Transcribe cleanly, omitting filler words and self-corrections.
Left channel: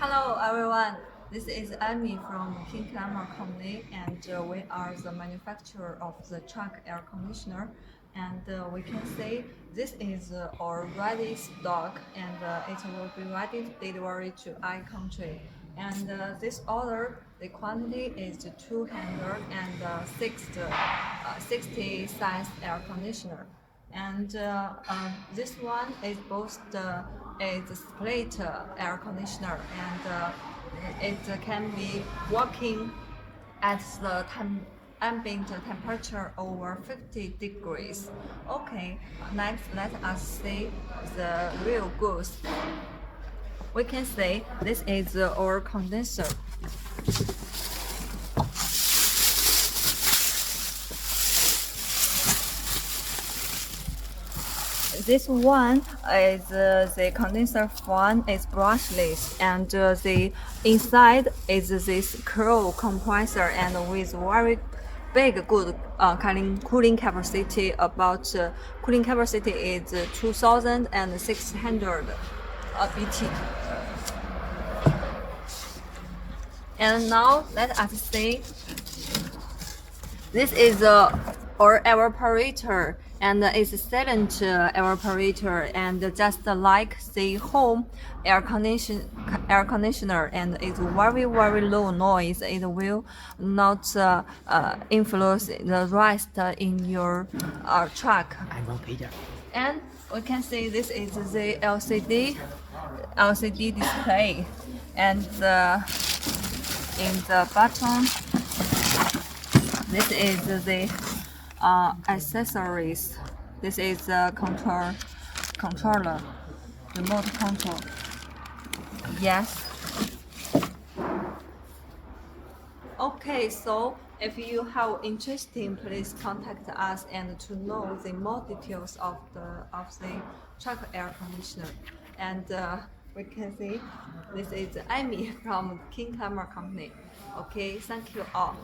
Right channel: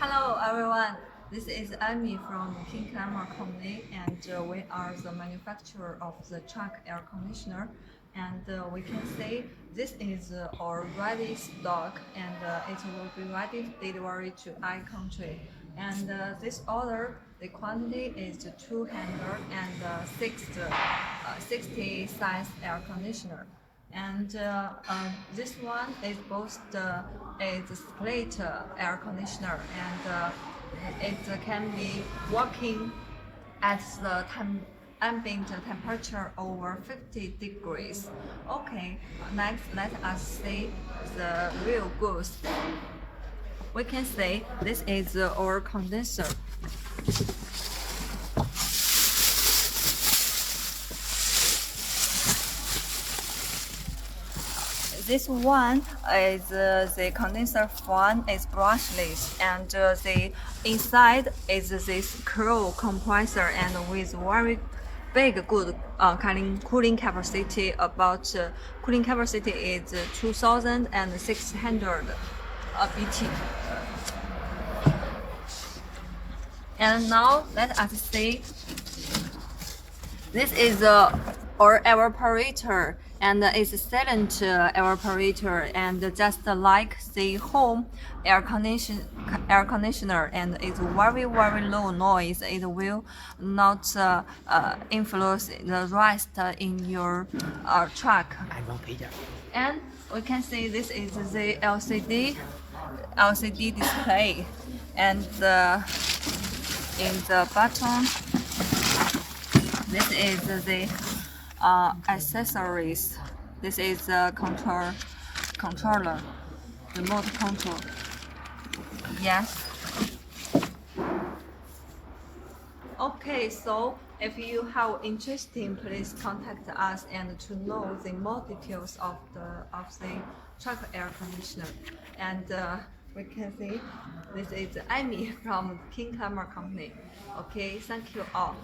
Hello everyone, this is Amy from King Climber Company and we are the manufacturer of the truck air conditioner and we can say this is our ready stock and it will be ready delivery to I country and this order the quantity is 260 size air conditioner and this one is both is split air conditioner and it can be working at the ambient temperature over 50 degrees. Okay, next let us see the real goods. We can say this is our condenser. This one is the condenser fan is brushless and the inside is this curl compressor and with very big good cooling capacity about cooling capacity is 2600 BT. And now let us see this is our evaporator and it's a silent evaporator and just like the home air conditioner and it's very low noise. It will not influence the rest in your truck. And we can see this is the LCD display and in the bottom this is the accessories. This is the controller, remote control. Yes. Okay, so if you have interest, please contact us and to know the more details of the truck air conditioner. And we can see this is Amy from King Climber Company. Okay, thank you all.